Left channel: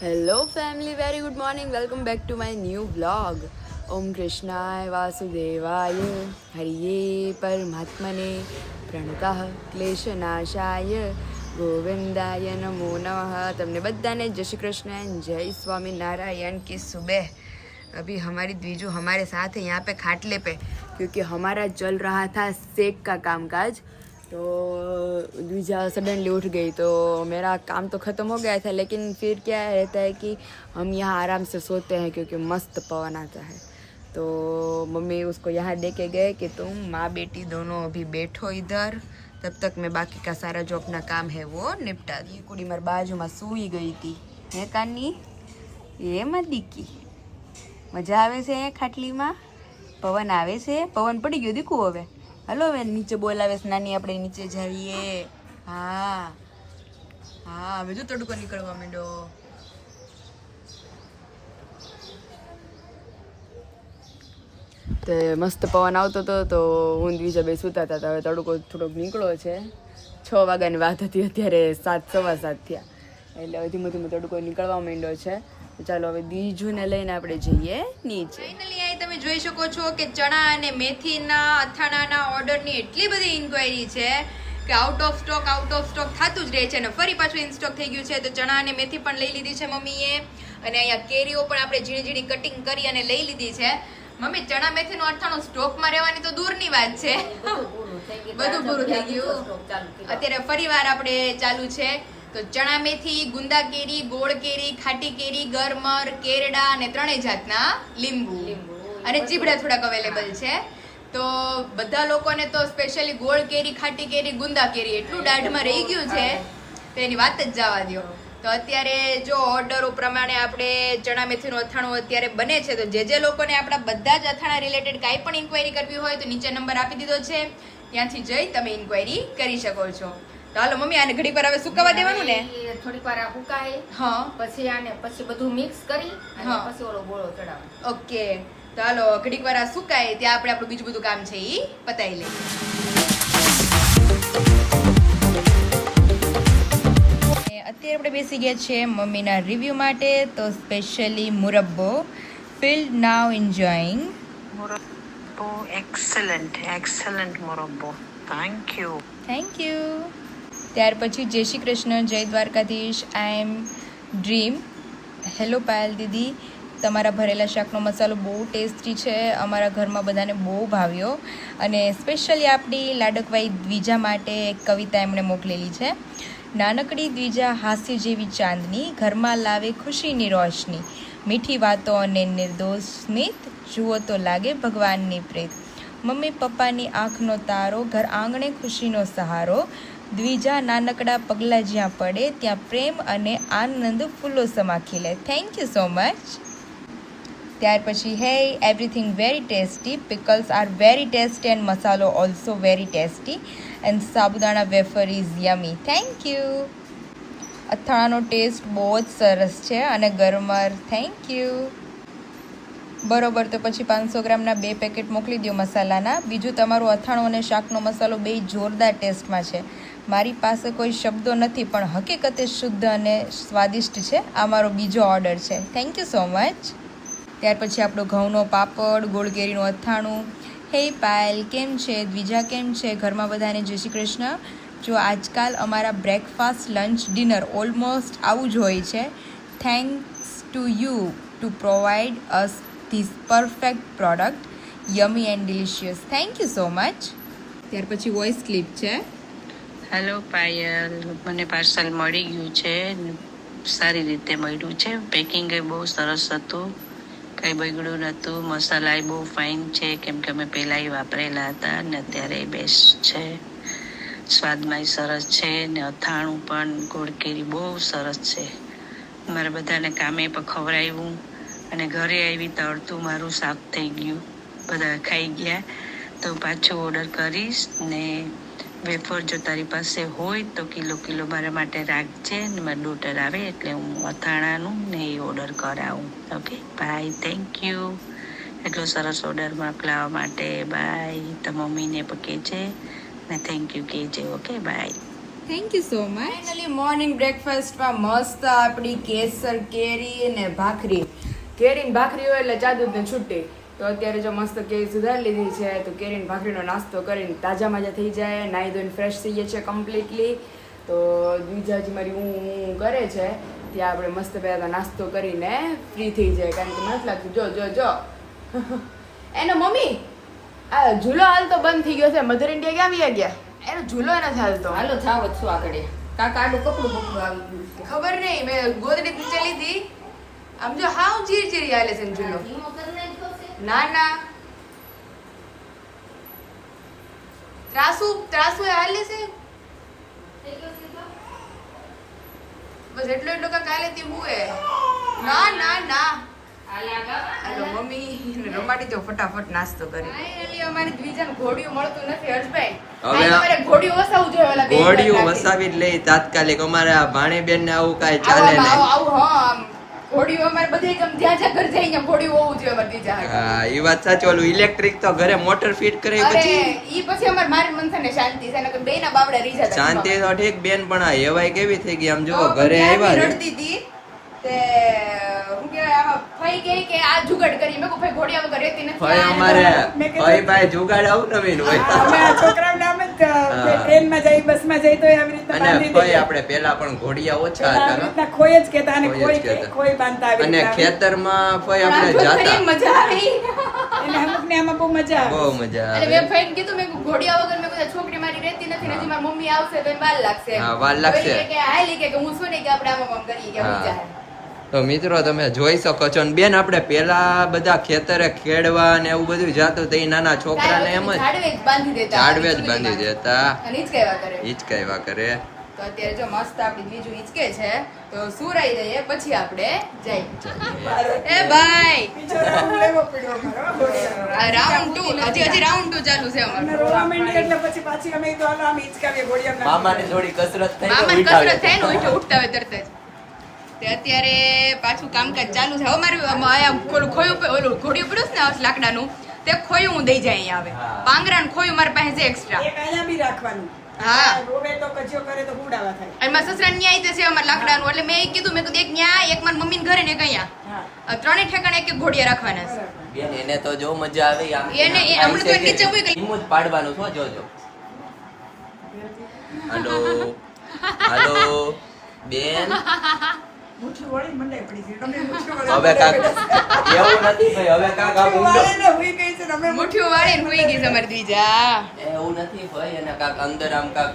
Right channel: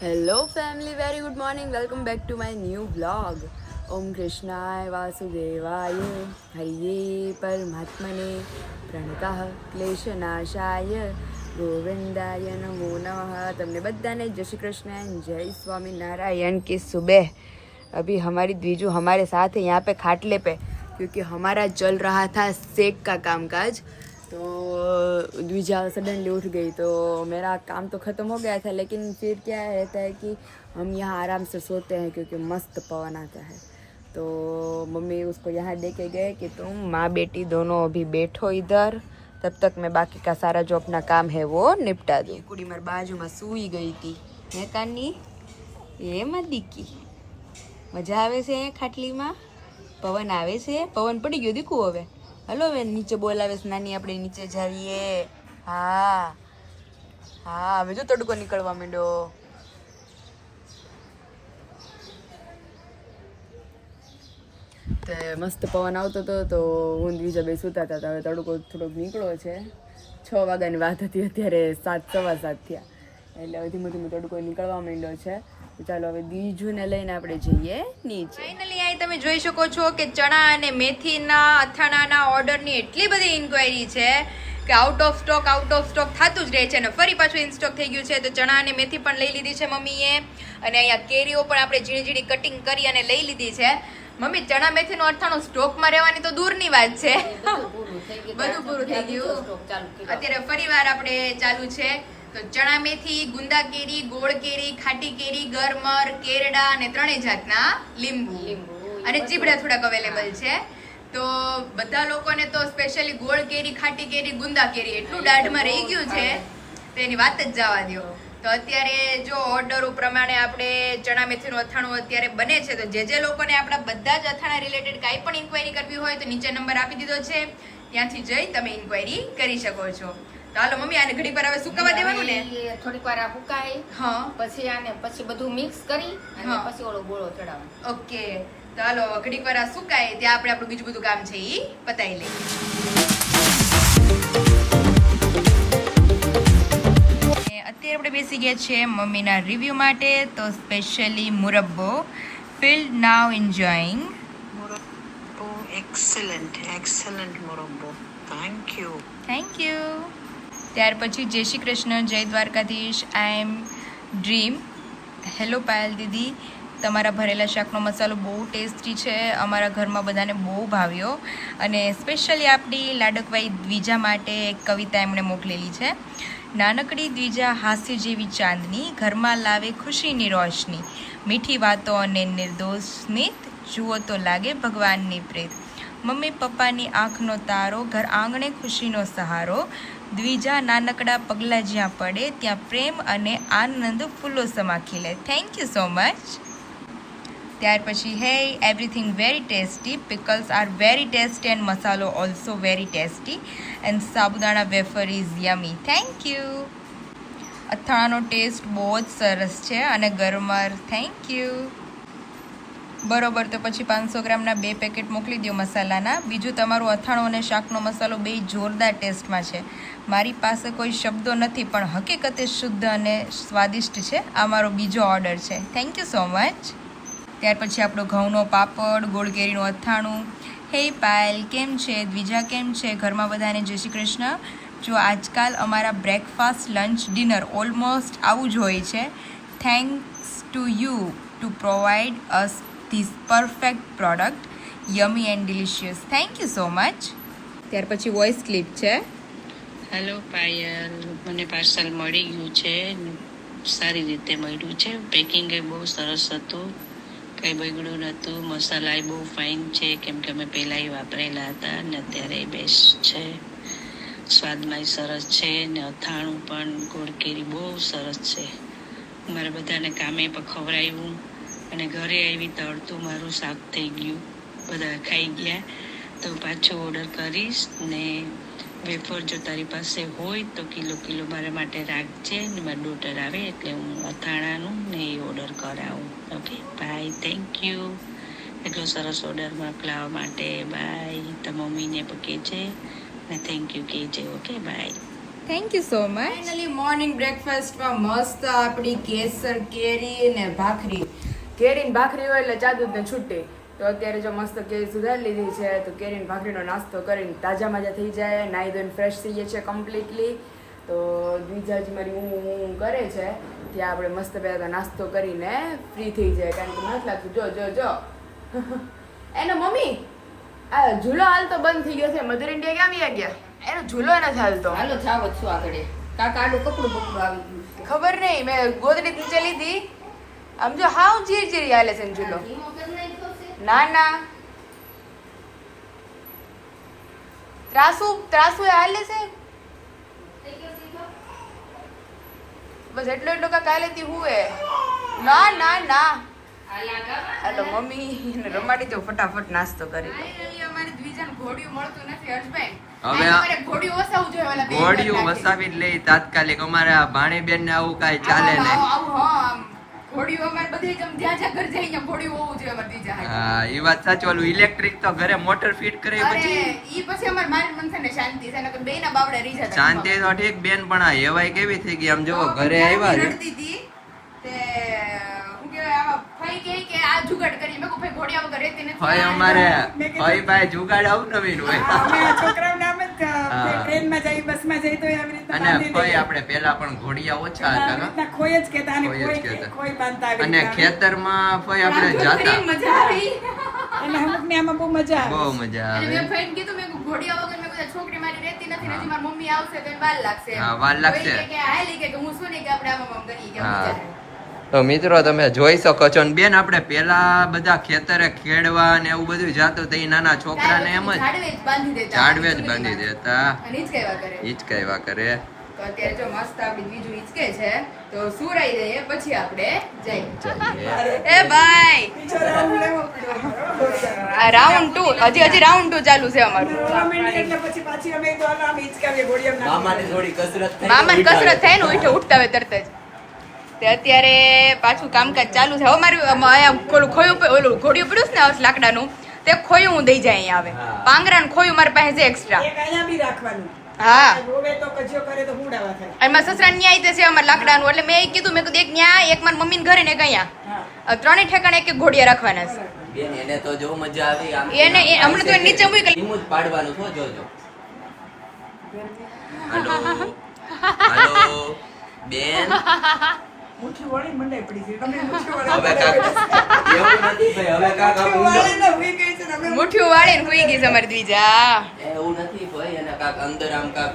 Hello family, very good morning. Welcome back to my new vlog. ઓમ કૃષ્ણાય વાસુદેવાય હરિયે પરમાત્મને પ્રણતઃ ક્લેશનાશાય ગોવિંદાય નમો નમઃ. તમને બધાને જય શ્રી કૃષ્ણ, જય स्वामीनारायण की सुबह. अभी हमारी द्विजू हमारे साथ है यहाँ पे खाटले पे, क्योंकि हमारा चल रहा था सेक का कामकाज. तो द्विजा सडनली उठ गई तो मेरा काम तो ख़त्म हो गया था, लेकिन फिर क्या रहता है कि हम यहाँ आराम से सोते हैं क्योंकि मस्त पवन आता है. तो मम्मी उसको यहाँ दे के गए कि तुम माँ बेटी दोनों अभी बैठो इधर, तब तक मैं बाकी का सारा जो अपना काम है वो निपटा दूँ. कुड़ी मार बाजू में सूई गई थी. ये कानी ये मदीकी मजा आवे છે ખાટલીમાં. પવન આવે છે, પવન પડી ગયો દીકુ. હવે હલો, હવે નીચે બોલાવે છે નાની, આપણે નીચે જાવીએ. હા હા, હવે જો તડકો નીકળવા માંડ્યો. તે મસ્ત પવન આવતો હતો તો હું બીજા બે સૂતા હતા. હવે તડકો થોડોક નીકળ્યો છે. 6 વાગ્યાની વાત હતી, અત્યારે 7 સવા 7 થયા, એટલે હવે ધીમે ધીમે તડકો નીકળવા માંડ્યો છે. ચાલો હવે બીજુને લઈને આપણે જઈએ નીચે. ફાઇનલી અહીં તમે જોઈ શકો છો કે ચણા અને મેથીના અથાણાના ઓર્ડરની એટલી બધી ઇન્ક્વાયરી છે કે આઉટ ઓફ સ્ટોક થતું જ રહે છે, અને ફરી પાછું ઇન સ્ટોક થઈ ગયું છે. તો ચણા અને મેથી પણ લઈ લીધી છે મમ્મીએ, અને અહીંયા કેરીઓ પણ આપણે ઝીણી ઝીણી કટિંગ કરી અને લઈ લીધી છે. મમ્મી, ચણા મેથીનું અથાણું સ્ટોકમાં રહેવાની તો દૂરની વાત છે, બધું પૂરું થઈ ગયું. અત્યારે ફરી વાર આપણે ચાલુ છે. તો ચણા મેથી, ગુંદા કેરી, ગોળ કેરી, ખાટી કેરી, ગરમર, કેરડા અને 3 જાતના લીંબુ અને ચીબડા થોડાક અવેલેબલ છે. તો બધા લોકોને તો સ્પેશિયલી ગોળ કેરી, ખાટી કેરી, ગુંદા કેરી એટલું દાઢમાં રહી ગયું છે તો એની વાત જ જવા દો. તો અત્યારે જો ઓર્ડર પ્રમાણે આપણે ચણા મેથીનું અથાણું અત્યારે બને છે. તો જે લોકોને આપણા બધા જ અથાણા રિલેટેડ કાંઈ પણ ઇન્ક્વાયરી કરવી હોય તો નીચે નંબર આપી દીધો છે, ત્યાંથી જઈ તમે ઇન્ક્વાયરી કરી શકો છો. તો હાલો મમ્મી, આને ઘડી પર હવે સુકાવા દેવાનું ને? થોડીક વાર આ સુકાય, હા, પછી આને પછી બધું મિક્સ કરી અને પછી ઓલો ગોળો ચડાવવાનો. ઓકે, તો હાલો ઘડીક વાર આ સુકાય ત્યાં આપણે આપણું બીજું બધું કામ છે ઈ પતાવી લઈએ. અત્યારે આપણે બેસી ગયા છે મમ્મીના રિવ્યુ માટે. તો specially મુરબ્બો, field now enjoying. Morocco, excellent Morocco. Thank you. ત્યાર પછી જય શ્રી કૃષ્ણ, જય દ્વારકાધીશ, આઈ એમ ડ્રીમ. હેલો પાયલ દીદી, તમારા ભરેલા શાકનો મસાલો બહુ ટેસ્ટી છે, અમારા ઘરમાં બધાને બહુ ભાવ્યો. અને સ્પેશિયલી આપણી લાડકવાઈ દ્વિજા માટે એક કવિતા એમણે મોકલેલી છે. નાનકડી દ્વિજા હાસ્ય જેવી ચાંદની, ઘરમાં લાવે ખુશીની રોશની, મીઠી વાતો અને નિર્દોષ સ્મિત, જુઓ તો લાગે ભગવાનની પ્રેત. મમ્મી પપ્પાની આંખનો તારો, ઘર આંગણે ખુશીનો સહારો, દ્વિજા નાનકડા પગલાં જ્યાં પડે ત્યાં પ્રેમ અને આનંદ ફૂલો સમા ખીલે. Thank you so much. ત્યાર પછી હે everything very tasty, pickles are very tasty and મસાલો also very tasty and sabudana wafer is yummy. Thank you. અથાણાનો ટેસ્ટ બહુ જ સરસ છે અને ગરમર. Thank you. બરોબર, તો પછી 500 ગ્રામના 2 પેકેટ મોકલી દો મસાલાના. બીજું, તમારું અથાણું અને શાકનો મસાલો બે જોરદાર ટેસ્ટમાં છે. મારી પાસે કોઈ શબ્દો નથી, પણ હકીકતે શુદ્ધ અને સ્વાદિષ્ટ છે. આ મારો બીજો ઓર્ડર છે. Thank you so much. ત્યાર પછી આપણો ઘઉંનો પાપડ, ગોળ કેરીનું અથાણું. હે પાયલ, કેમ છે? દ્વિજા કેમ છે? ઘરમાં બધાને જય શ્રી કૃષ્ણ. જો આજકાલ અમારા બ્રેકફાસ્ટ, લંચ, ડિનર ઓલમોસ્ટ આવું જ હોય છે. Thanks to you two provide us this perfect product, યમી and delicious. Thank you so much. ત્યાર પછી વોઇસ ક્લિપ છે. હેલો પાયલ, મને પાર્સલ મળી ગયું છે, સારી રીતે મળ્યું છે. પેકિંગ એ બહુ સરસ હતું, કંઈ બગડ્યું નહોતું. મસાલા બહુ ફાઇન છે, કેમ કે અમે પહેલાં વાપરેલા હતા ને અત્યારે બેસ્ટ છે. સ્વાદમાં સરસ છે ને અથાણું પણ ગોળ કેરી બહુ સરસ છે. મારા બધાને કામે પણ ખવડાવ્યું અને ઘરે આવી તો અડધું મારું શાક થઈ ગયું, બધા ખાઈ ગયા. તો પાછું ઓર્ડર કરીશ ને વેફર જો તારી પાસે હોય તો કિલો મારા માટે રાખજે ને મારી ડોટર આવે એટલે હું અથાણાનું ને એ ઓર્ડર કરાવું. Okay bye. થેન્ક યુ એટલો સરસ ઓર્ડર મોકલાવવા માટે. બાય. તો મમ્મીને પણ કહેજે ને થેન્ક યુ કહેજે. Okay bye. Thank you so much. Finally morning બ્રેકફાસ્ટમાં મસ્ત આપણી કેસર કેરી ને ભાખરી. કેરી ને ભાખરી હોય એટલે ચા દૂધ ને છૂટી. તો અત્યારે જો મસ્ત કેરી સુધારી લીધી છે તો કેરી ને ભાખરીનો નાસ્તો કરીને તાજા માજા થઈ જાય, નાહી ધોઈને ફ્રેશ થઈ જાય છે કમ્પ્લીટલી. તો બીજાજી મારી હું કરે છે ત્યાં આપણે મસ્ત પહેલાં તો નાસ્તો કરીને ફ્રી થઈ જાય, કારણ કે મને લાગતું જો જો જો એનો મમ્મી આ ઝૂલો હાલ તો બંધ થઈ ગયો છે. મધર ઇન્ડિયા ક્યાં ગયા? એનો ઝૂલો એનો હાલતો હાલો થાવ જ છું આગળ કાકા આડું કપડું બકડું આવી ગયું છે. ખબર નહીં, મેં ગોદડી નીચે લીધી. આમ જો હાવ ચીરી હાલે છે ને ઝૂલો. ધીમો કરી નાખ્યો છે. ના ના ત્રાસુ એ હાલે છે થઈ ગયો, થઈ ગયો. બસ એટલો એટલો કાંક હાલે તી હુએ. ના ના ના હાલ આગળ. હાલો મમ્મી રમાડી દો ફટાફટ નાસ્તો કરી. ફાઇનલી અમારી દ્વિજાને ઘોડિયું મળતું નથી હર્ષભાઈ. હવે અમારે ઘોડિયું વસાવવું જોઈએ ઓલા બે ઘોડિયું નાખી. વસાવી જ લઈ તાત્કાલિક. અમારે આ ભાણીબેન ને આવું કાંઈ ચાલે આવું, નહીં. આવું, આવું, હા આમ ઘોડિયું અમારે બધે જ્યાં જ્યાં ઘર જઈએ ત્યાં ઘોડિયું હોવું જોઈએ અમારી દ્વિજા હાટુ. હા એ વાત સાચી. ઓલું ઇલેક્ટ્રિક તો ઘરે મોટર ફિટ કરે અરે પછી ઈ પછી અમારે મારી મનસાને શાંતિ છે, નકર બેયના બાબડા રીઝા હતા. શાંતિ તો ઠીક બેન, પણ આ એવાય કેવી થઈ ગઈ આમ જો ઘરે આવ્યા ને રડતી હતી તે હું કહેવાય આમાં ફઈ ગઈ કે આ જુગાડ કરી. મેં કહું ભાઈ ઘોડિયા વગર રહેતી નથી. ભાઈ અમારે ભાઈ ભાઈ જુગાડ આવું નવીન હોય. અમે આ છોકરાઓને આમ જ ટ્રેનમાં જઈ બસમાં જઈ તો આવી રીતના અને બાંધી ભાઈ દઈએ. આપણે પેલા પણ ઘોડિયા ઓછા આવી હતા રીતના ખોય જ કહેતા અને ખોય જ ખોય કહેતા. ખોય બાંધતા આવી અને રીતના. ખેતરમાં ભાઈ આપણે રાત જાતા ભરી મજા આવી. એને અમુકને આમાં બહુ મજા આવે. બહુ મજા અને આવે. મેં ફઈને કીધું મેં કીધું ઘોડિયા વગર મેં કીધું છોકરી મારી રહેતી નથી ને હજી મારી મમ્મી આવશે તો એને વાર લાગશે. હા, વાર લાગશે. તો એ કે હાલી કે હું શું નહીં કે આપણે આમ કરીએ કે હા. મજા આવે. તો મિત્રો તમે જોઈ શકો છો. અને બેન આપણે પેલા બધા ખેતરે ખેડવા ને એવું બધું જાતું તો એ નાના છોકરાને એમ જ ઝાડવે જ બાંધી દેતા. ઝાડવે જ બાંધી દેતા, અને હિંચકાવ્યા કરે. હિચકાવ્યા કરે. તો અત્યારે જો મસ્ત આપણી બીજું હિંચકે છે તો સુરાઈ દઈએ પછી આપણે જઈએ. એ ભાઈ બીજો રાઉન્ડ લેવો પડ્યો અમારો ઘોડિયાનો. આ રાઉન્ડ 2 હજી રાઉન્ડ 2 ચાલુ છે અને અમારું. રોવા માંડી એટલે પછી પાછી અમે તો આમ હિંચકાવીએ ઘોડિયામાં નાખી મામાની થોડી કસરત થઈ મામાને કસરત થાય ને ઉઠે ઉઠતા હોય તરત જ. તે અત્યારે પાછું કામકાજ ચાલુ છે. હવે મારું અહીંયા ઓલું ખોયું ઓલું ઘોડિયું પડ્યું છે ને લાકડાનું તે ખોયું હું દઈ જાય અહીંયા આવે. હા. પાંગરા ને ખોયું મારી પાસે છે એક્સ્ટ્રા. એક અહીંયા બી રાખવાનું. હા. રોવે તો કજિયો કરે તો હુડાવા થાય. એમાં સસરા ન્યાય છે અમારે લાકડાનું એટલે મેં એ કીધું મેં કીધું એક ન્યા એક મારી મમ્મી ઘરે ને એક અહીંયા હા. ત્રણેય ઠેકાણે એક એક ઘોડિયા રાખવાના છે. બેન એને તો જો મજા આવે આમ એને હમણાં તો નીચે મૂકી એમ જ પાડવાનું છો જોજો હાલો હાલો બેન મુઠ્ઠી વળી મંડાઈ પડી છે. તમે મુઠ્ઠી હવે વળી કાક એવું નથી ભાઈ હવે કાક આમ ઊંડો વાળીને હુઈ ગઈ છે ને અમે મુઠ્ઠીઓ વાળીને હોઈ ગઈ છે અમારી દ્વિજા. એવું નથી ભાઈ એને કાક અંદર આમ કાક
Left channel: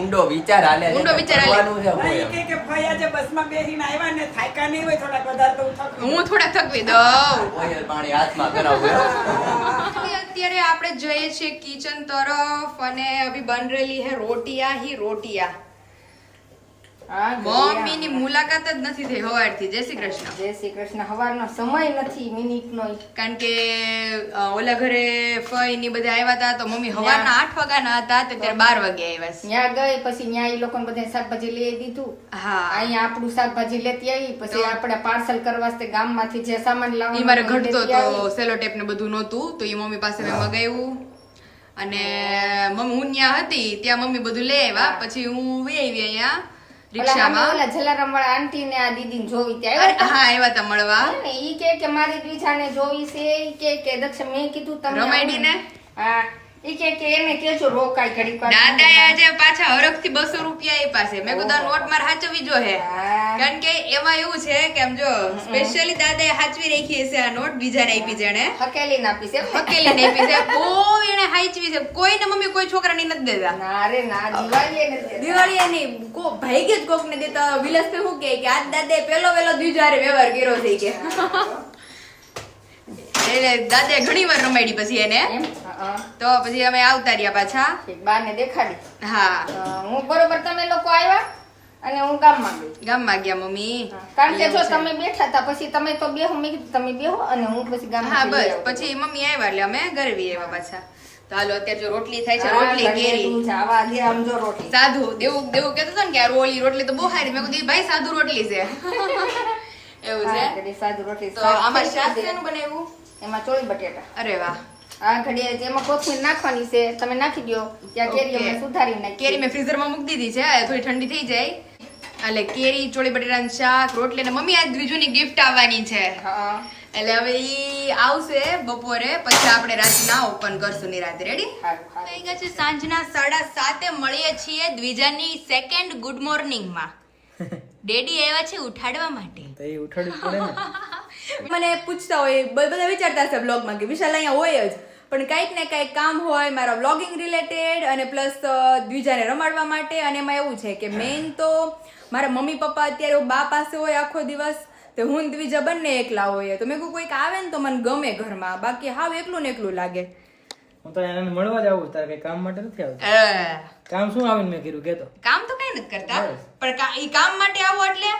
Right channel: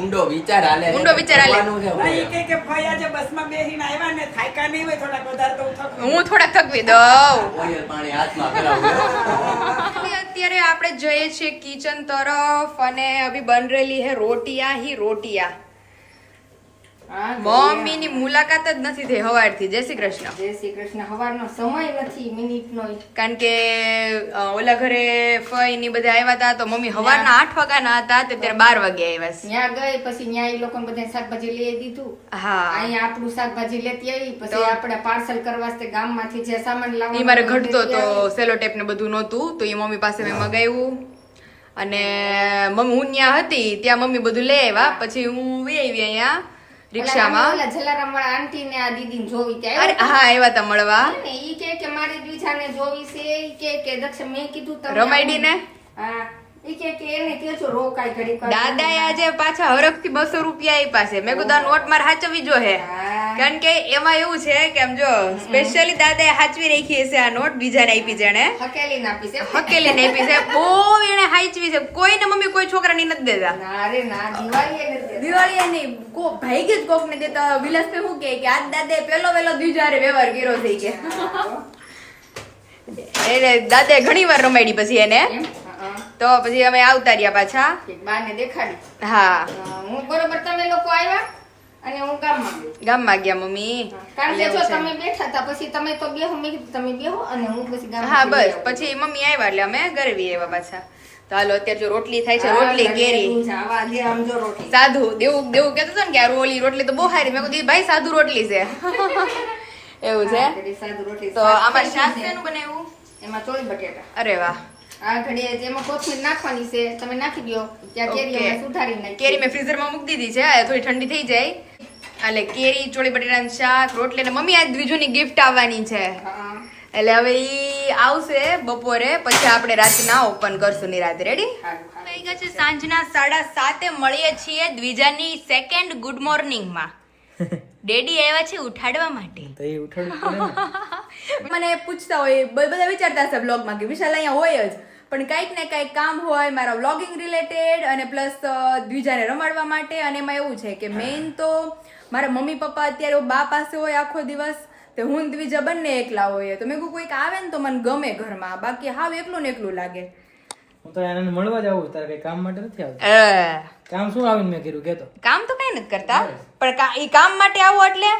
ઊંડો વિચાર હાલે છે. ઊંડો વિચાર હાલે. કરવાનું છે ભાઈ ભાઈ. કે ભાઈ આજે બસમાં બેસીને આવ્યા ને થાક્યા નહીં હોય થોડાક વધારે તો થકવું. હું થોડા થકવી દઉં. ઓઇલ પાણી હાથમાં કરાવું અત્યારે આપણે જઈએ છીએ કિચન તરફ અને અભી બન રહેલી હે રોટિયા હી રોટિયા. હા, મમ્મી ની મુલાકાત જ નથી થઈ હવારથી. જય શ્રી કૃષ્ણ. જય શ્રી કૃષ્ણ. હવારનો સમય નથી મિનિટનો. કારણ કે ઓલા ઘરે ફઈ ની બધા આવ્યા હતા તો મમ્મી હવારના 8 વાગ્યાના હતા તો અત્યારે 12 વાગે આવ્યા છે. ત્યાં ગઈ પછી ત્યાં એ લોકોને બધા શાકભાજી લઈ દીધું. હા અહીંયા આપણું શાકભાજી લેતી આવી પછી તો? આપણે પાર્સલ કરવા વાસ્તે ગામમાંથી જે સામાન લાવવાનો ઈ મારે હોય ઘટતો લેતી તો આવી. સેલો ટેપ ને બધું નહોતું તો એ મમ્મી પાસે મેં મગાવ્યું અને મમ્મી હું ત્યાં હતી ત્યાં મમ્મી બધું લઈ આવ્યા પછી હું વહી આવી અહીંયા રિક્ષામાં. ઓલા જલારામ વાળા આંટી ને આ દીદી જોવી અરે ત્યાં હા આવ્યા તા મળવા. ઈ કે મારી દ્વિજાને જોવી છે ઈ કે દક્ષ મેં કીધું તમે રમાડીને? હા ઈ કે એને કેજો રોકાય ઘડીક વાર. દાદાએ આજે પાછા હરખથી 200 રૂપિયા આપ્યા છે. મેં કીધું આ નોટ મારે હાચવવી જોઈએ હા. કારણ કે એમાં એવું છે કે આમ જો સ્પેશિયલી દાદાએ હાચવી રાખી છે આ નોટ બીજાને આપી છે એને હકેલી નાપી છે હકેલીને આપી છે. બહુ એને હાચવી છે. કોઈને મમ્મી કોઈ છોકરાની નથી દેતા. ના રે ના દિવાળી એને દે. દિવાળી નહીં ભાઈ જ કોક ને દેતા. વિલાસ તો શું કે આજ દાદાએ પેલો વેલો દ્વિજારે વ્યવહાર કર્યો છે કે એટલે દાદાએ ઘણી વાર રમાડી પછી એને એમ? હા. તો પછી અમે આવતા રહ્યા પાછા. બાને દેખાડી. હા હું બરોબર તમે લોકો આવ્યા અને હું ગામમાં ગઈ. ગામમાં ગયા મમ્મી. કારણ કે જો એવું છે. તમે બેઠા હતા પછી તમે તો બેહો મેં કીધું તમે બેહો અને હું પછી ગામમાં હા બસ પછી મમ્મી આવ્યા એટલે અમે ઘરે વી આવ્યા પાછા. તો હાલો અત્યારે જો રોટલી થાય છે રોટલી કેરી આવા દે આમ જો રોટલી સાધુ દેવું દેવું કેતો હતો ને કે આ ઓલી રોટલી તો બહુ સારી. મેં કીધું ભાઈ સાધુ રોટલી છે એવું છે. સાદું રોટલી તો આમાં શાક શેનું બનાવ્યું? એમાં ચોળી બટેટા. અરે વાહ આ ઘડીએ જેમાં કોથમીર નાખવાની છે તમે નાખી દો. ત્યાં કેરી અમે સુધારી નાખી. કેરી મેં ફ્રીઝરમાં મૂકી દીધી છે, આ થોડી ઠંડી થઈ જાય. એટલે કેરી, ચોળી બટેટાનું શાક, રોટલી. અને મમ્મી આજ દ્વિજુની ગિફ્ટ આવવાની છે, હા એટલે હવે ઈ આવશે બપોરે, પછી આપણે રાતના ઓપન કરશું નિરાતે. રેડી? થઈ ગયા છે સાંજના 7:30 મળીએ છીએ દ્વિજાની સેકન્ડ ગુડ મોર્નિંગમાં. ડેડી આવ્યા છે ઉઠાડવા માટે. તો એ ઉઠાડવું પડે ને. મને પૂછતા હોય, બધા વિચારતા હશે બ્લોગમાં કે વિશાલ અહીંયા હોય જ, પણ કંઈક ને કંઈક કામ હોય મારા વ્લોગિંગ રિલેટેડ અને પ્લસ દ્વિજાને રમાડવા માટે. અને એમાં એવું છે કે મેઇન તો મારા મમ્મી પપ્પા અત્યારે બા પાસે હોય આખો દિવસ, તો હું ને દ્વિજા બંને એકલા હોય. તો મેં કહું કોઈક આવે ને તો મને ગમે ઘરમાં, બાકી હાવ એકલું ને એકલું લાગે. હું તો એને મળવા જ આવું, તારે કઈ કામ માટે નથી આવતું. કામ શું આવીને મેં કીધું કેતો કામ તો કઈ નથી કરતા, પણ ઈ કામ માટે આવો એટલે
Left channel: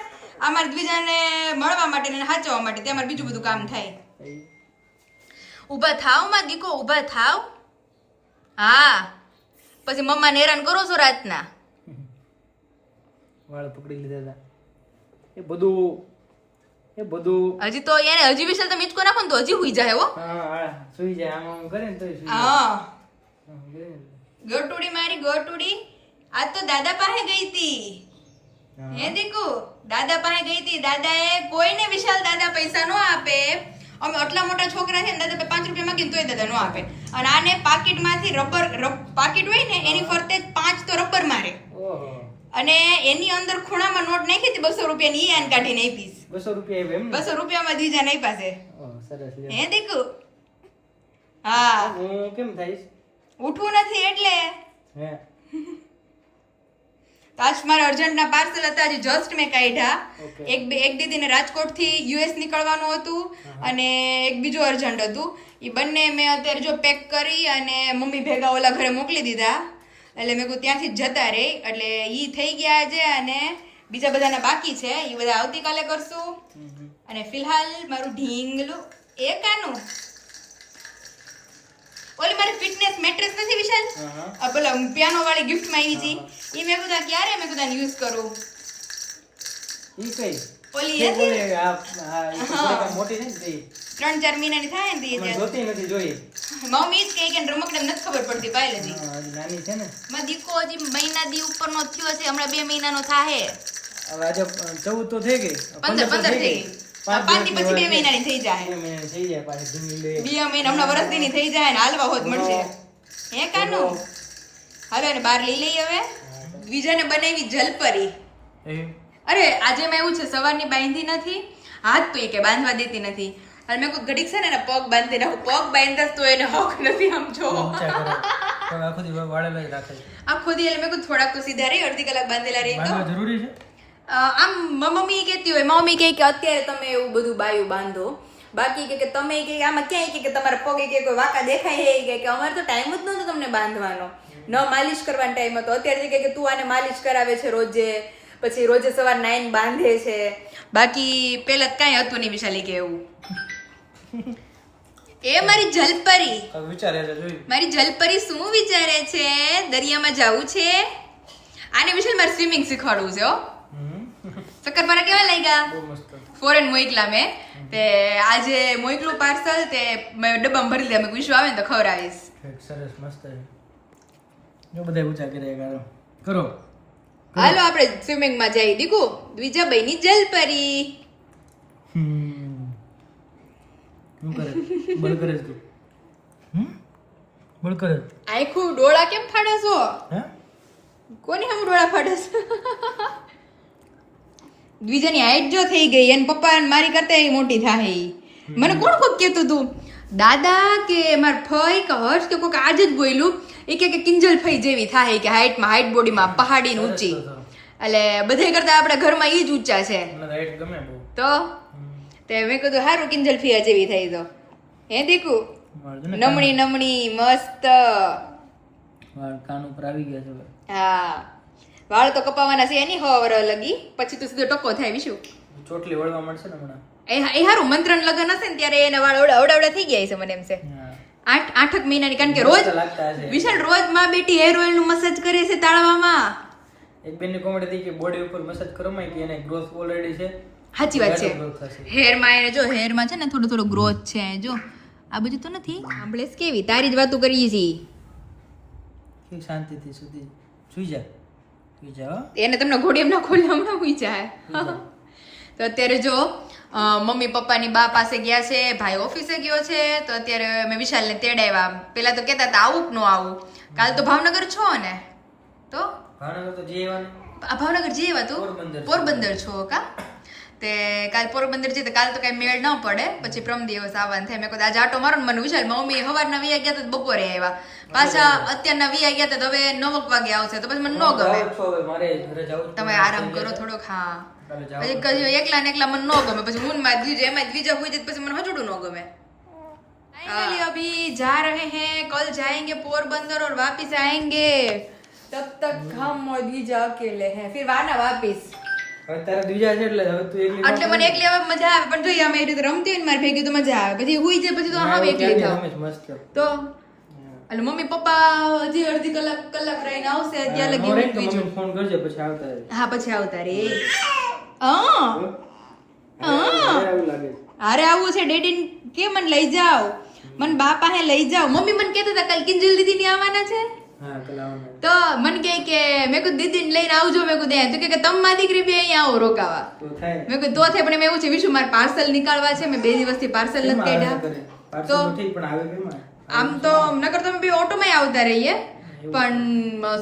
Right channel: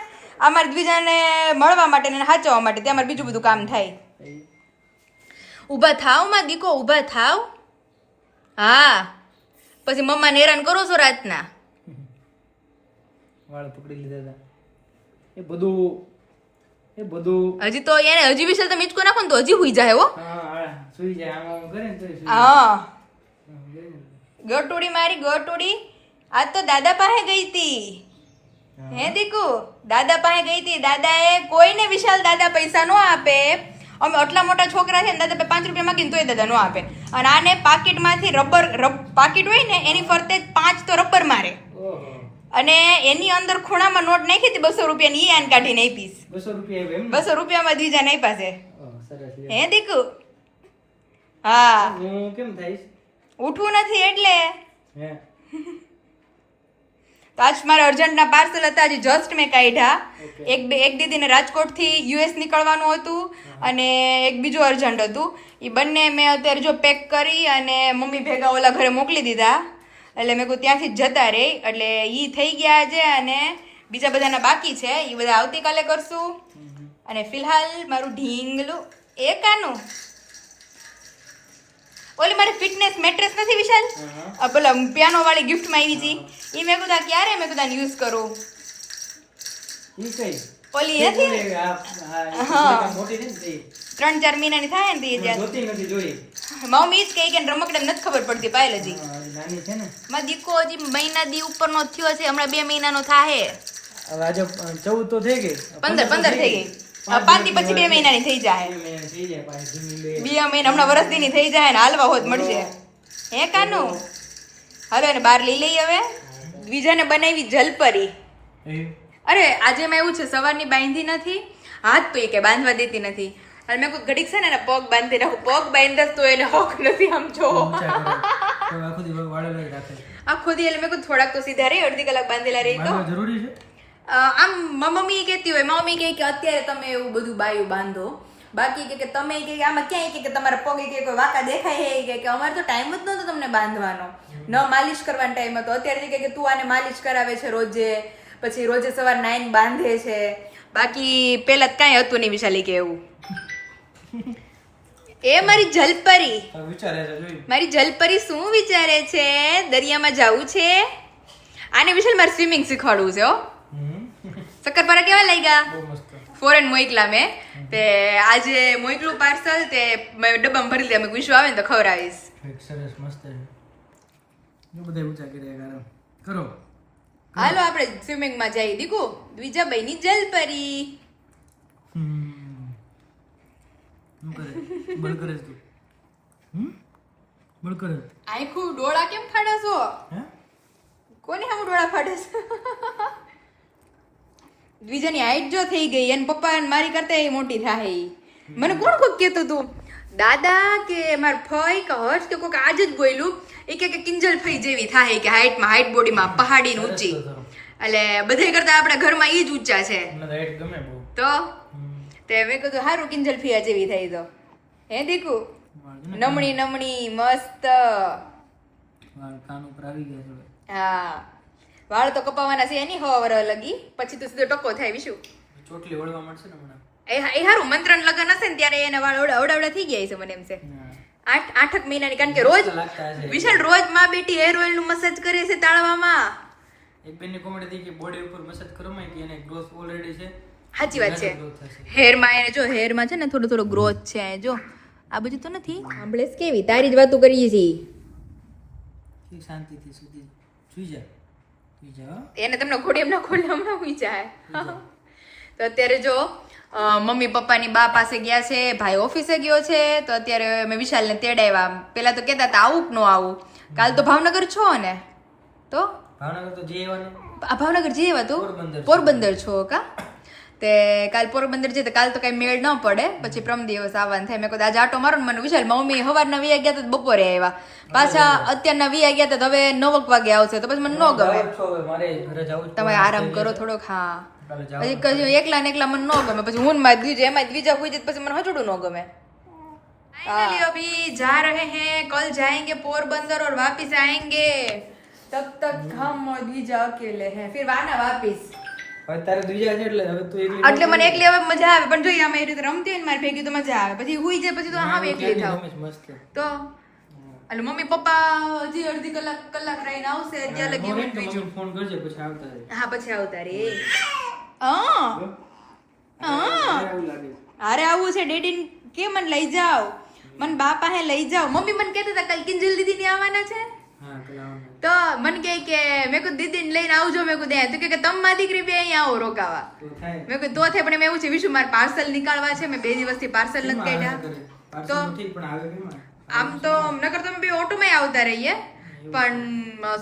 અમારે દ્વિજાને મળવા માટે ને સાચવવા માટે તે અમારે બીજું બધું કામ થાય. ઊભા થાવ માં દીકો, ઊભા થાવ. હા, પછી મમ્માને હેરાન કરો છો રાતના. વાળ પકડી લીધા હતા. એ બધું હજી તો એને હજી વિશાલ તમે ઈચકો નાખો ને તો હજી હુઈ જાય હો. હા સુઈ જાય, આમ કરે ને તો હા, ગટુડી મારી ગટુડી આજ તો દાદા પાસે ગઈ હતી. હે દીકુ, દાદા પાસે ગઈ હતી. દાદાએ કોઈને વિશાલ દાદા પૈસા નો આપે. અમે આટલા મોટા છોકરા છે ને, દાદા 5 રૂપિયા માંગીને તોય દાદા નો આપે. અને આને પાકીટમાંથી રબર પાકીટ હોય ને એની ફરતે 5 તો રબર મારે. અને એની અંદર ખૂણામાં નોટ નાખી હતી 200 રૂપિયાની, ઈ આને કાઢીને આપીશ. 200 રૂપિયા એમ 200 રૂપિયામાં દીજા નહીં પાસે. સરસ. હે દીકુ? હા, હું કેમ થઈશ? ઉઠવું નથી એટલે. હે તો આજ મારા અર્જન્ટના પાર્સલ હતા, હજી જસ્ટ મેં કાઢ્યા. એક દીદીને રાજકોટથી યુએસ નીકળવાનું હતું અને એક બીજું અર્જન્ટ હતું. એ બંને મેં અત્યારે જો પેક કરી અને મમ્મી ભેગા ઓલા ઘરે મોકલી દીધા. એટલે મેં કહું ત્યાંથી જ જતા રહે. એટલે એ થઈ ગયા છે અને બીજા બધાના બાકી છે, એ બધા આવતીકાલે કરશું. અને ફિલહાલ મારું ઢીંગલું એ કાનું ઓલી મારી ફિટનેસ મેટ્રેસ નથી વિશાલ, પેલા પિયાનો વાળી ગિફ્ટમાં આવી હતી, એ મેં કીધું ક્યારે મેં કીધું યુઝ કરું. ઈ કઈ ઓલી હતી મોટી છે ને 3-4 મહિનાની થાય ને તે જોતી નથી જોઈ. મમ્મી જ કહે કે રમકડે નથી ખબર પડતી પાયલ હજી. નાની છે ને મારો દીકો હજી મહિના દી ઉપરનો થયો છે, હમણાં 2 મહિનાનો થાય. હવે આજે 14 તો થઈ ગઈ, 15 થઈ ગઈ. 5 દી પછી 2 મહિનાની થઈ જાય. 2 મહિના હમણાં વરસદીની થઈ જાય ને હાલવા હોત મળશે. હે કાનું? હાલો એને બહાર લઈ લઈ. હવે દ્વિજાને બનાવી જલપરી. અરે આજે એમાં એવું છે, સવારની બાંધી નથી, હાથ તો એ કે બાંધવા દેતી નથી. અને મેં કોઈ ઘડીક છે ને એના પગ બાંધી નાખું, પગ બાંધતા તો એને હક નથી. આમ જો આખો દી એટલે મેં કોઈ થોડાક તો સીધા રહી, અડધી કલાક બાંધેલા રહી તો જરૂરી છે. આમ મમ્મી કહેતી હોય, મમ્મી કહે કે અત્યારે તમે એવું બધું બાયું બાંધો, બાકી કે તમે કે આમાં ક્યાંય કે તમારા પગે કે કોઈ વાંકા દેખાય હે કે અમારે તો ટાઈમ જ નહોતો તમને બાંધવાનો, ન માલિશ કરવાનો ટાઈમ હતો. અત્યારે કે તું આને માલિશ કરાવે છે રોજે, પછી રોજે સવાર નાઈને બાંધે છે. બાકી પેલા કાંઈ હતું નહીં વિશાલી કે એવું. એ મારી જલપરી, મારી જલપરી શું વિચારે છે? દરિયામાં જવું છે. આને વિશાલ મારે સ્વિમિંગ શીખવાડવું છે. હો, શક્કરપારા કેવા લાગ્યા? ફોરેન મોકલા મેં તે આજે મોકલું પાર્સલ તે ડબ્બામાં ભરી દે. અમે વિશ્વ આવે ને તો ખવડાવીશ. સરસ મસ્ત છે. જો બધા ઊંચા કરે કરો. હાલો આપણે સ્વિમિંગ માં જઈએ. દીકુ દ્વિજાબાઈની જલપરી. શું કરે? બળ કરે તું? બળ કરે. આખું ડોળા કેમ ફાડે છો? હે કોને હમ ડોળા ફાડે છો? દ્વિજાની હાઈટ જો થઈ ગઈ, અને પપ્પા મારી કરતા મોટી થાય. મને કોણ કોક કહેતું તું, દાદા કે માર ફઈ કે હર્ષ કે કોક આજ જ બોલ્યું, એ કે કિંજલ ફઈ જેવી થાય કે હાઈટમાં, હાઈટ બોડીમાં પહાડી ઊંચી. એટલે બધા કરતા આપણા ઘરમાં ઈ જ ઊંચા છે. હાઈટ ગમે બહુ તો તે મેં કીધું હારું કિંજલ ફિયા જેવી થઈ તો. હે દીકુ? નમણી નમણી મસ્ત. કાન ઉપર આવી ગયા છે. હા, વાળ તો કપાવાના છે એની હવાર લગી, પછી તો સીધો ટકો થાય. વિશુ ચોટલી વળવા મળશે ને હમણાં. એ હારું મંત્રણ લગન હશે ને ત્યારે એને વાળ અવડાવડા થઈ ગયા છે મને એમ છે. 8 મહિનાની, કારણ કે રોજ વિશાલ રોજ માં બેટી હેર ઓઇલ નું મસાજ કરે છે તાળવામાં. એક બેન ની કોમેડી થઈ કે બોડી ઉપર મસાજ કરવામાં કે એને ગ્રોથ ઓલરેડી છે. સાચી વાત છે. હેર માં એને જો હેર માં છે ને થોડો ગ્રોથ છે. જો આ બધું તો નથી સાંભળેશ કેવી તારી જ વાતો કરીએ છીએ કે શાંતિથી સુઈ જા હો. એને તમને ઘોડી એમના ખોલી હમણાં હુઈ જાય તો અત્યારે જો મમ્મી પપ્પાની બા પાસે ગયા છે, ભાઈ ઓફિસે ગયો છે, તો અત્યારે મેં વિશાલને તેડાવ્યા. પેલા તો કહેતા હતા આવું કે ન આવું. કાલ તો ભાવનગર છો ને? તો ભાવનગર તો જઈ આવવાને. આ ભાવનગર જઈ આવ્યા તું? પોરબંદર છો કા? તે કાલ પોરબંદર જઈ તો કાલ તો કઈ મેળ ન પડે, પછી પ્રમ દિવસ આવવાનું થાય. મેં કહ્યું આજે આટો મારો ને મને વિશાલ મમ્મી સવારના 20 ગયા તો બપોરે આવ્યા, પાછા અત્યારના 20 ગયા તો હવે 9 વાગે આવશે, તો પછી મને ન ગમે. મારે ઘરે જવું તમે આરામ કરો થોડોક. હા પછી કહ્યું એકલા ને એકલા મને ન ગમે, પછી હું માં બીજું એમાં બીજા હોય જાય પછી મને હજુડું ન ગમે. अभी जा रहे हैं, कल जाएंगे पोरबंदर और वापस आएंगे. तब तक हम और द्विजा अकेले हैं, फिर वाना वापस. હવે તારે બીજા છે એટલે હવે તું એકલી એટલે મને એકલી હવે મજા આવે, પણ જોઈએ અમે એ રીતે રમતી હોય ને મારી ભેગી તો મજા આવે, પછી હુઈ જાય પછી તો હા એકલી થાવ મસ્ત તો. એટલે મમ્મી પપ્પા હજી અડધી કલાક રહીને આવશે ત્યાં લગી હું બીજું ફોન કરજો પછી આવતા રહે. હા પછી આવતા રે. એવું લાગે અરે આવું છે ડેડી કે મને લઈ જાઓ, મને બાપા હે લઈ જાઓ. મમ્મી મને કહેતા હતા કાલ કિંજલ દીદી ની આવવાના છે, હા કલાવના. તો મને કહે કે મેં કીધું દીદી લઈને આવજો, મેં કીધું તો કે તમે મારી દીકરી બે અહીંયા આવો રોકાવા. તો થાય મેં કીધું તો થાય, પણ એમ એવું છે વિશુ મારે પાર્સલ નીકાળવા છે, મેં 2 દિવસથી પાર્સલ નથી કાઢ્યા. પાર્સલ તો ઠીક પણ આવે કેમ આમ તો નકર તમે બે ઓટોમાં આવતા રહીએ, પણ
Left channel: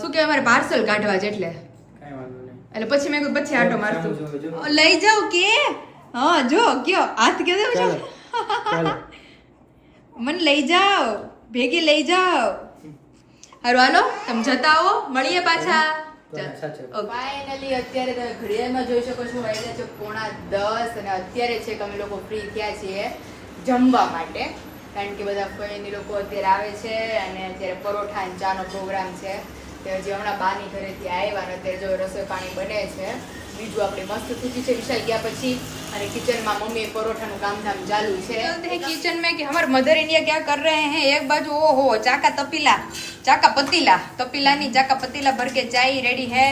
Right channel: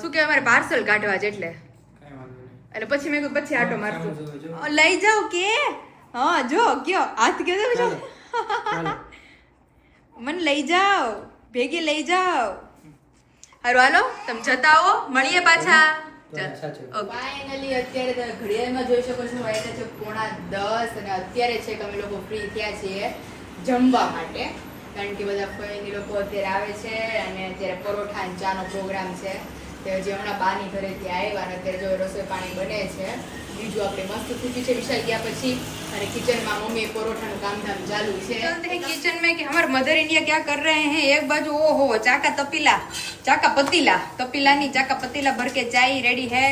શું કહેવાય મારે પાર્સલ કાઢવા છે એટલે કાઈ વાંધો નહીં. એટલે પછી મેં કીધું પછી આટો સામું જોવે, મારતું જો. લઈ જાઓ કે હા જો કયો હાથ કે દે ચાલો ચાલો મને લઈ જાઓ, ભેગી લઈ જાઓ. હારું હાલો તમે જતા આવો, મળીએ પાછા. સાચું. ફાઇનલી અત્યારે તમે ઘડિયાળમાં જોઈ શકો છો વાગ્યા છે 9:10 અને અત્યારે છે કે અમે લોકો ફ્રી થયા છીએ જમવા માટે, કારણ કે બધા ફોઈની લોકો અત્યારે આવે છે અને અત્યારે પરોઠા અને ચાનો પ્રોગ્રામ છે. તે હજી હમણાં બાની ઘરેથી આવ્યા અને અત્યારે જો રસોઈ પાણી બને છે. બીજું આપણે મસ્ત સૂકી છે વિશાલ ગયા પછી, અને કિચનમાં મમ્મી પરોઠાનું કામધામ ચાલુ છે. किचन में कि हमारे मदर इंडिया क्या कर रहे हैं, एक बाजू ओहो चाका पतीला नहीं चाका पतीला भर के चाय रेडी है,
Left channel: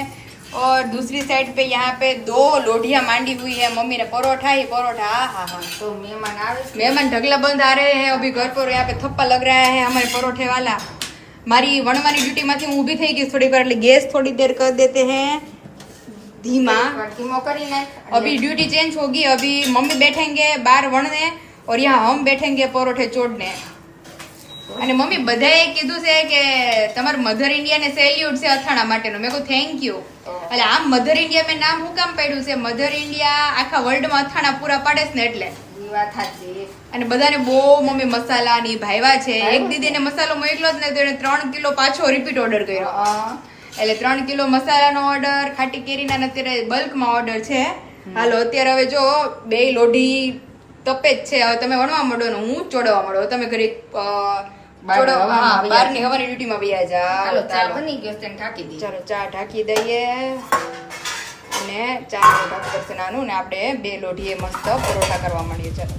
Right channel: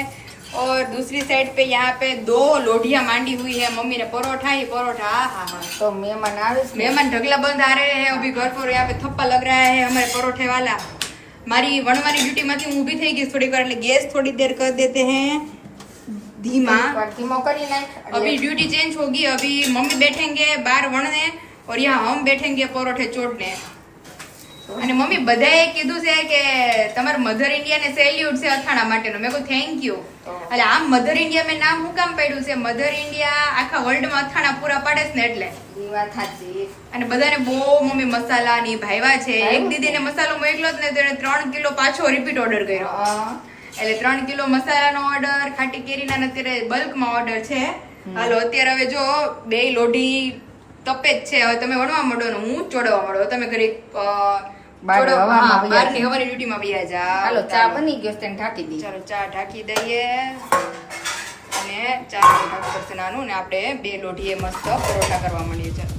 और दूसरी साइड पे यहाँ पे 2 लोढ़ियां मांडी हुई है मम्मी ने परोठा ही परोठा. हाँ हाँ તો મહેમાન આવે છે, मेहमान ढगला बंद आ रहे हैं अभी घर पर, यहाँ पे थप्पा लग रहा है हमारे परोठे वाला. मारी वणवानी ड्यूटी માંથી હું ઊભી થઈ ગઈ થોડી कर, એટલે गैस थोड़ी देर कर देते हैं धीमा. ધીમો કરીને अभी ड्यूटी चेंज होगी, अभी मम्मी बैठेंगे बाहर वणने और यहाँ हम बैठेंगे परोठे चोड़ने. અને મમ્મી બધાએ કીધું છે કે તમારા મધર ઇન્ડિયા ને સેલ્યુટ છે અથાણા માટેનો. મેં કહ્યું થેન્ક યુ. એટલે આમ મધર ઇન્ડિયા મેં નામ શું કામ પાડ્યું છે, મધર ઇન્ડિયા આખા વર્લ્ડમાં અથાણા પૂરા પાડે છે ને એટલે. એ વાત સાચી. અને બધાને બહુ મમ્મી મસાલા ની ભાવ્યા છે. એક દીદીને મસાલો મોકલ્યો જ ને તો એને 3 કિલો પાછો રિપીટ ઓર્ડર કર્યો. એટલે 3 કિલો મસાલાનો ઓર્ડર, ખાટી કેરીના અત્યારે બલ્કમાં ઓર્ડર છે. હાલો અત્યારે હવે જો 2 લોઢી તપે જ છે, હવે તમે વણવા માંડો ને હું ચોડવા માંડો. તમે ઘરે બહારની હવાની ડ્યુટીમાં વયા જાઓ. ચા બની ગઈ છે, ઢાંકી દી. ચાલો ચા ઢાંકી દઈએ અને ચા ઢાંકી પડશે નાનું, ને આપણે 2 લોઢીએ મસ્ત પરોઠા કરવા માંડીએ. ચાલો